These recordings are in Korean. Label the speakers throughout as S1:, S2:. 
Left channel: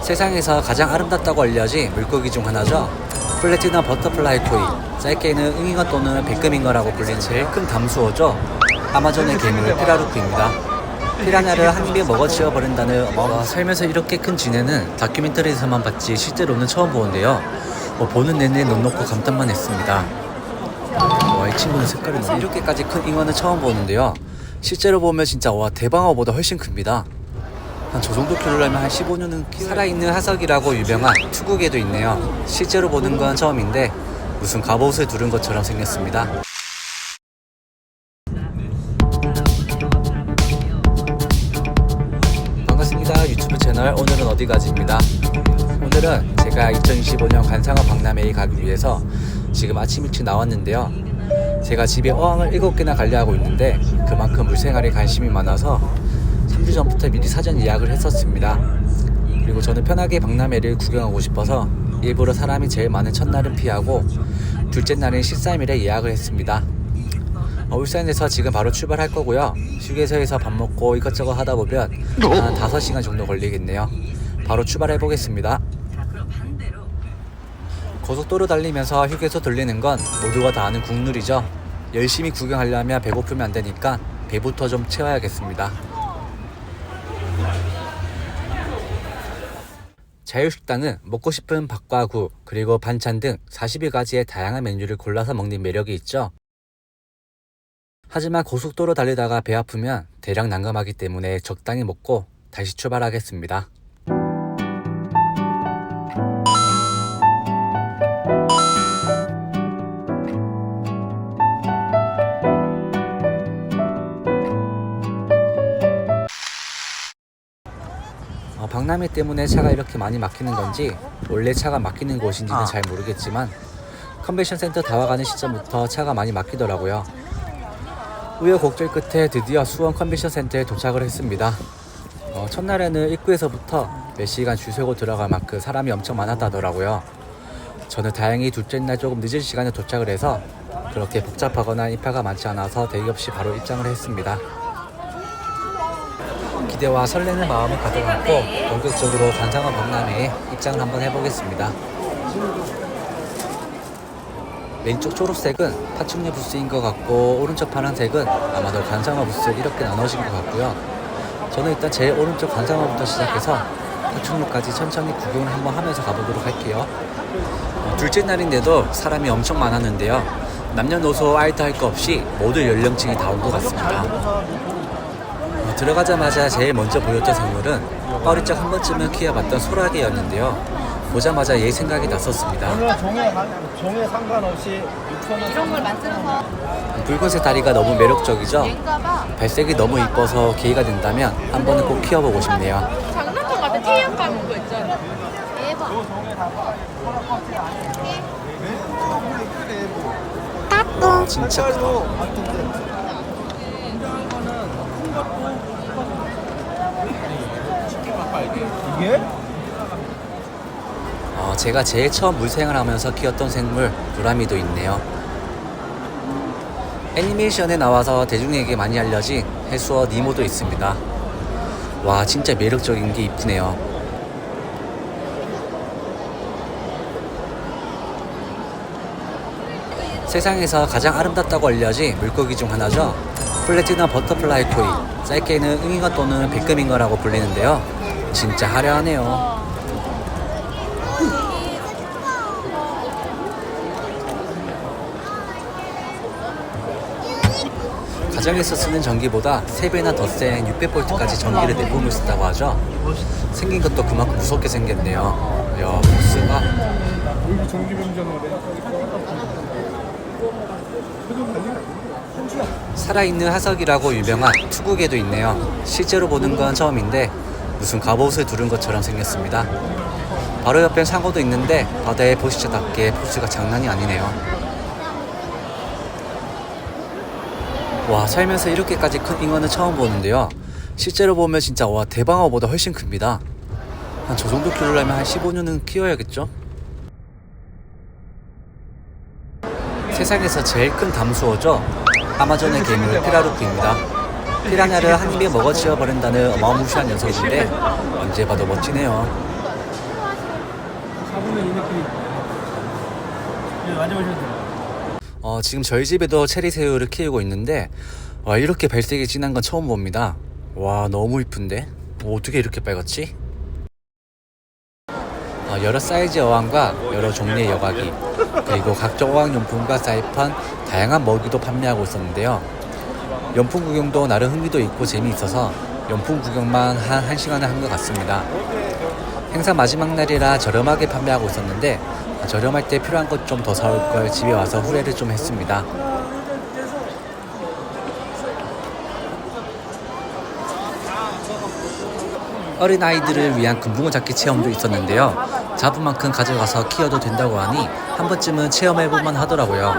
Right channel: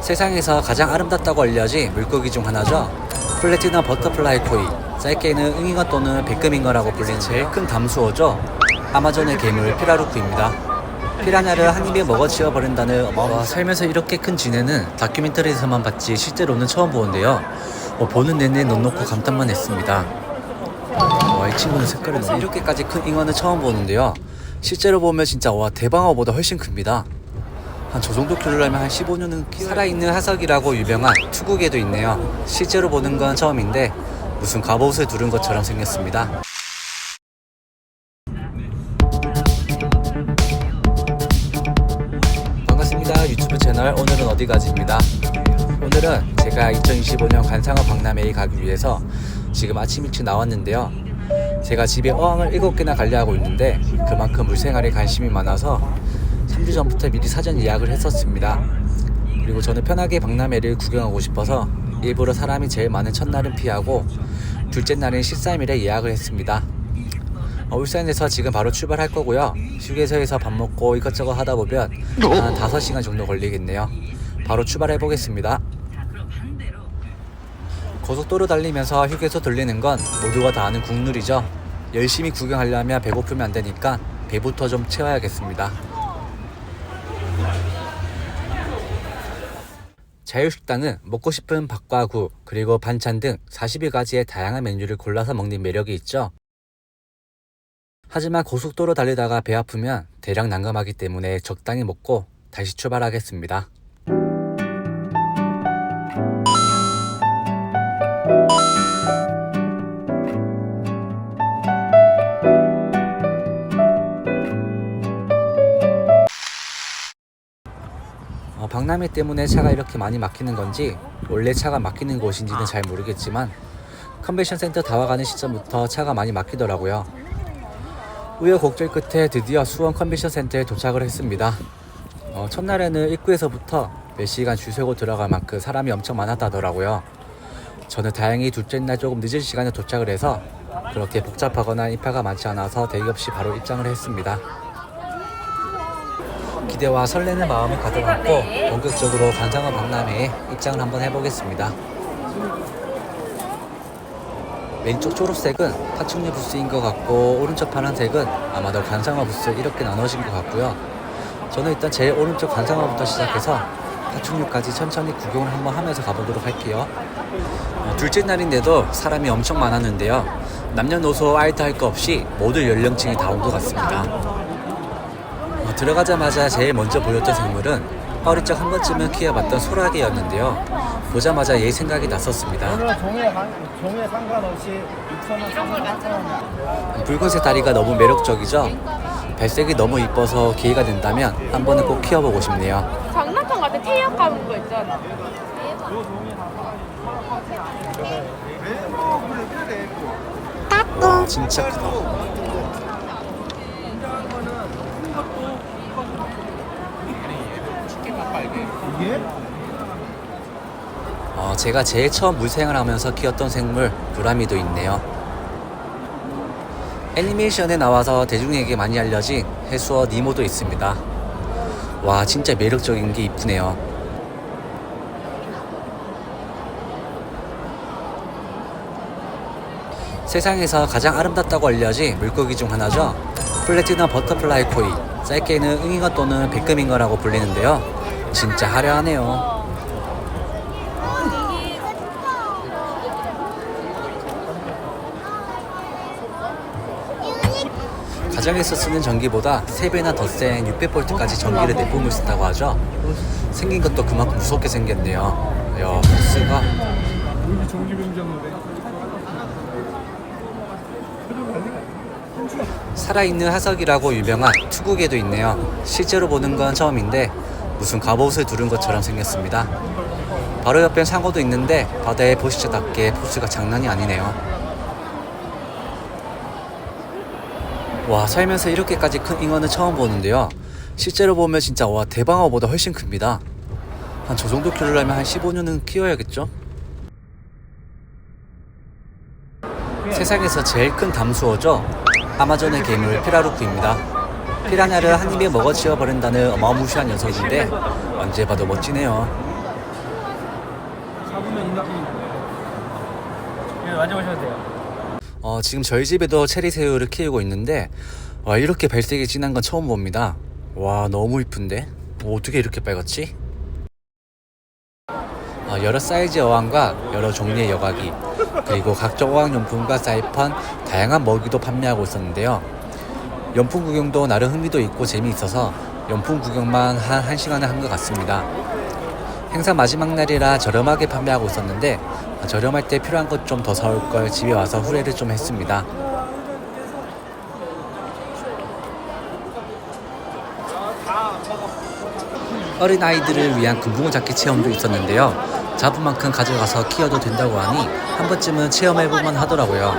S1: 세상에서 가장 아름답다고 알려진 물고기 중 하나죠. 플래티넘 버터플라이 코이, 짧게는 응잉어 또는 백금잉어라고 불리는 제일 큰 담수어죠. 아마존의 괴물 피라루크입니다. 피라냐를 한 입에 먹어 치워 버린다는 어마어마 살면서 이렇게 큰 쥐네는 다큐멘터리에서만 봤지 실제로는 처음 보는데요. 어, 보는 내내 넋 놓고 감탄만 했습니다. 와, 이 친구는 색깔이 너무 이렇게까지 큰 잉어는 처음 보는데요. 실제로 보면 진짜 와 대방어보다 훨씬 큽니다. 한 저 정도 키우려면 한 15년은 키 살아있는 화석이라고 유명한 투구개도 있네요. 실제로 보는 건 처음인데 무슨 갑옷을 두른 것처럼 생겼습니다. 반갑습니다. 유튜브 채널 오늘은 어디 가지입니다. 오늘은 제가 2025년 관상어 박람회에 가기 위해서 지금 아침 일찍 나왔는데요. 제가 집에 어항을 7개나 관리하고 있는데 그만큼 물생활에 관심이 많아서 3주 전부터 미리 사전 예약을 했었습니다. 그리고 저는 편하게 박람회를 구경하고 싶어서 일부러 사람이 제일 많은 첫날은 피하고 둘째 날은 13일에 예약을 했습니다. 어, 울산에서 지금 바로 출발할 거고요. 휴게소에서 밥 먹고 이것저것 하다 보면 한 5시간 정도 걸리겠네요. 바로 출발해 보겠습니다. 고속도로 달리면서 휴게소 들리는 건 모두가 다 아는 국룰이죠. 열심히 구경하려면 배고프면 안 되니까 배부터 좀 채워야겠습니다. 자유식당은 먹고 싶은 밥과 국, 그리고 반찬 등 41가지의 다양한 메뉴를 골라서 먹는 매력이 있죠. 하지만 고속도로 달리다가 배 아프면 대량 난감하기 때문에 적당히 먹고 다시 출발하겠습니다. 박람회 때문에 차가 이렇게 많이 막히는 건지 원래 차가 막히는 곳인지는 잘 모르겠지만 컨벤션 센터 다 와가는 시점부터 차가 많이 막히더라고요. 우여곡절 끝에 드디어 수원 컨벤션 센터에 도착을 했습니다. 어, 첫날에는 입구에서부터 몇 시간 줄 서고 들어갈 만큼 사람이 엄청 많았다더라고요. 저는 다행히 둘째 날 조금 늦은 시간에 도착을 해서 그렇게 복잡하거나 인파가 많지 않아서 대기 없이 바로 입장을 했습니다. 기대와 설레는 마음을 가득 안고 본격적으로 관상어 박람회에 입장을 한번 해보겠습니다. 왼쪽 초록색은 파충류 부스인 것 같고 오른쪽 파란색은 아마도 관상어 부스 이렇게 나눠진 것 같고요. 저는 일단 제일 오른쪽 관상어부터 시작해서 파충류까지 천천히 구경을 한번 하면서 가보도록 할게요. 어, 둘째 날인데도 사람이 엄청 많았는데요. 남녀노소 아이트 할거 없이 모든 연령층이 다 온 것 같습니다. 어, 들어가자마자 제일 먼저 보였던 생물은 어릴 적 한 번쯤은 키워봤던 소라게였는데요. 보자마자 얘 생각이 났었습니다.
S2: 종에, 관- 종에 상관없이 6천원, 3만원
S1: 붉은색 다리가 너무 매력적이죠? 발색이 너무 이뻐서 기회가 된다면 한 번은 꼭 키워보고 싶네요.
S3: 장난감 같은 태양 감은 거 있잖아.
S1: 와 진짜 크다.
S2: 이게?
S1: 어, 제가 제일 처음 물생활 하면서 키웠던 생물 브라미도 있네요. 애니메이션에 나와서 대중에게 많이 알려진 해수어 니모도 있습니다. 와 진짜 매력적인 게 이쁘네요. 세상에서 가장 아름답다고 알려진 물고기 중 하나죠. 플래티넘 버터플라이 코이, 짧게는 응잉어 또는 백금잉어라고 불리는데요. 진짜 화려하네요. 가정에서 쓰는 전기보다 3배나 더 센 600V까지 전기를 내뿜을 수 있다고 하죠. 생긴 것도 그만큼 무섭게 생겼네요. 야, 보스가 살아있는 화석이라고 유명한 투구개도 있네요. 실제로 보는 건 처음인데 무슨 갑옷을 두른 것처럼 생겼습니다. 바로 옆엔 상어도 있는데 바다의 보시처답게 포스가 장난이 아니네요. 와 살면서 이렇게까지 큰 잉어는 처음 보는데요. 실제로 보면 진짜 와 대방어보다 훨씬 큽니다. 한 저 정도 키우려면 한 15년은 키워야겠죠? 세상에서 제일 큰 담수어죠. 아마존의 괴물 피라루크입니다. 피라냐를 한 입에 먹어치워 버린다는 어마무시한 녀석인데 언제 봐도 멋지네요. 어, 지금 저희 집에도 체리새우를 키우고 있는데 와, 이렇게 발색이 진한 건 처음 봅니다. 와 너무 이쁜데 뭐 어떻게 이렇게 빨갛지? 어, 여러 사이즈의 어항과 여러 종류의 여과기 그리고 각종 어항용품과 사이판 다양한 먹이도 판매하고 있었는데요. 연품 구경도 나름 흥미도 있고 재미있어서 연품 구경만 한 1시간에 한것 같습니다. 행사 마지막 날이라 저렴하게 판매하고 있었는데 아, 저렴할 때 필요한 것 좀 더 사올 걸 집에 와서 후회를 좀 했습니다. 어린 아이들을 위한 금붕어 잡기 체험도 있었는데요. 잡은 만큼 가져가서 키워도 된다고 하니 한 번쯤은 체험해볼만 하더라고요.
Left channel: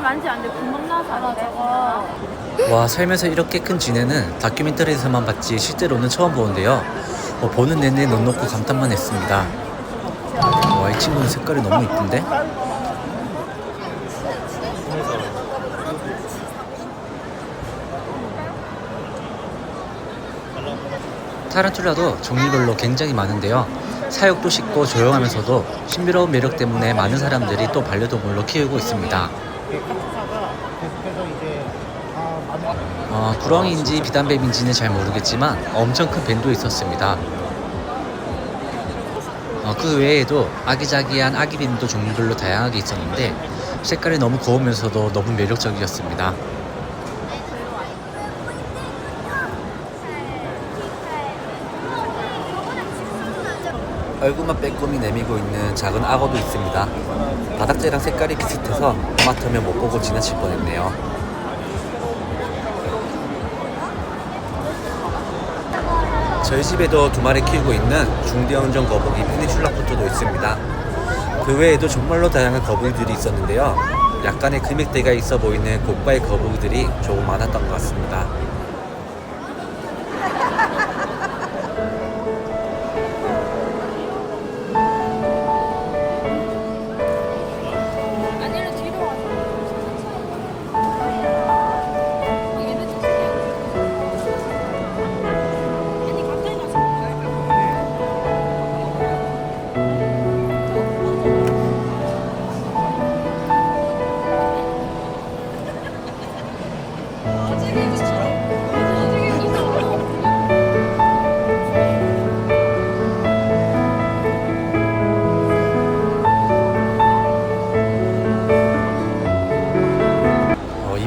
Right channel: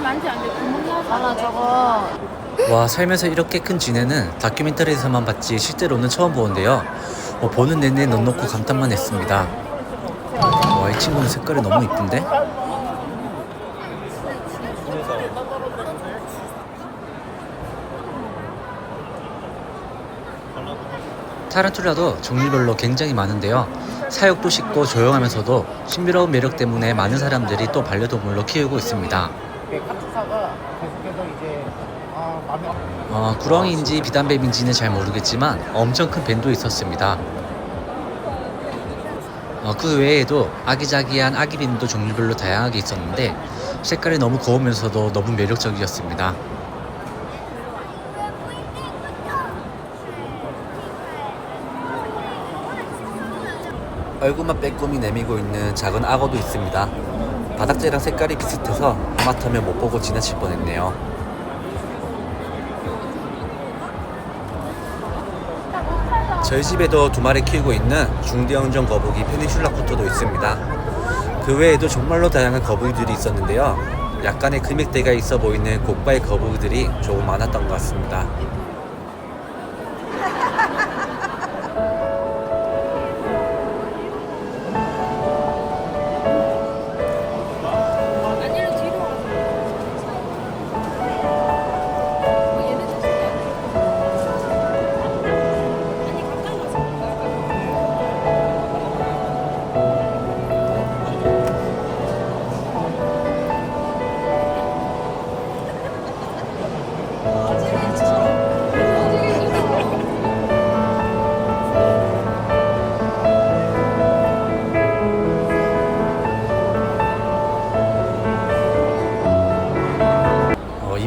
S1: 와 살면서 이렇게 큰 쥐네는 다큐멘터리에서만 봤지 실제로는 처음 보는데요. 어, 보는 내내 넌 놓고 감탄만 했습니다. 와 이 친구는 색깔이 너무 이쁜데? 타란툴라도 종류별로 굉장히 많은데요. 사육도 쉽고 조용하면서도 신비로운 매력 때문에 많은 사람들이 또 반려동물로 키우고 있습니다.
S2: 카프사가 그래서 이제 아 나무
S1: 어, 구렁이인지 비단뱀인지는 잘 모르겠지만 엄청 큰 뱀도 있었습니다. 어, 그 외에도 아기자기한 아기뱀도 종류별로 다양하게 있었는데 색깔이 너무 고우면서도 너무 매력적이었습니다. 얼굴만 빼꼼히 내미고 있는 작은 악어도 있습니다. 바닥재랑 색깔이 비슷해서 하마터면 못 보고 지나칠 뻔했네요. 저희 집에도 두 마리 키우고 있는 중대형종 거북이 페니슐라 코토도 있습니다. 그 외에도 정말로 다양한 거북이들이 있었는데요. 약간의 금액대가 있어 보이는 고가의 거북이들이 조금 많았던 것 같습니다.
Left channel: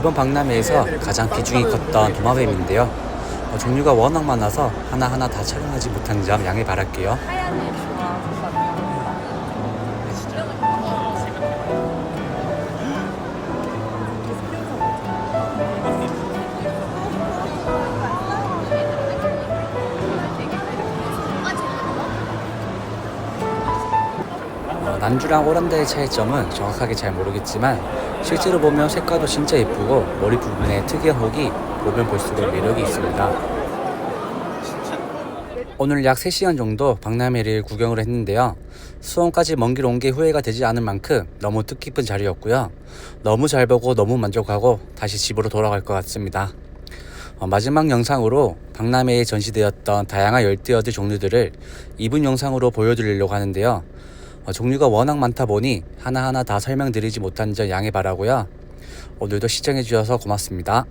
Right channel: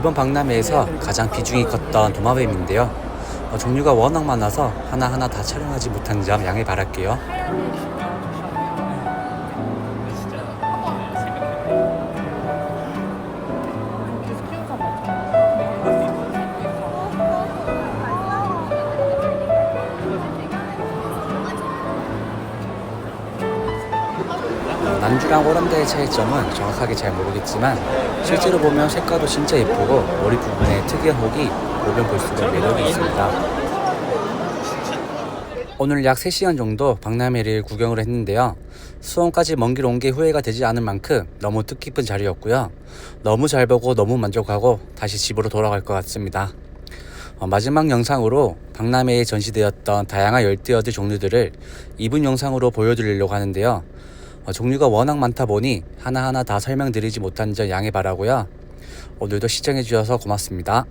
S1: 이번 박람회에서 가장 비중이 컸던 도마뱀인데요. 어, 종류가 워낙 많아서 하나하나 다 촬영하지 못한 점 양해 바랄게요. 어, 난주랑 오란다의 차이점은 정확하게 잘 모르겠지만 실제로 보면 색깔도 진짜 예쁘고 머리 부분에 특이한 혹이 보면 볼수록 매력이 있습니다. 오늘 약 3시간 정도 박람회를 구경을 했는데요. 수원까지 먼 길 온 게 후회가 되지 않을 만큼 너무 뜻깊은 자리였고요. 너무 잘 보고 너무 만족하고 다시 집으로 돌아갈 것 같습니다. 어, 마지막 영상으로 박람회에 전시되었던 다양한 열대어들 종류들을 2분 영상으로 보여드리려고 하는데요. 어, 종류가 워낙 많다 보니 하나하나 다 설명드리지 못한 점 양해 바라고요. 오늘도 시청해 주셔서 고맙습니다.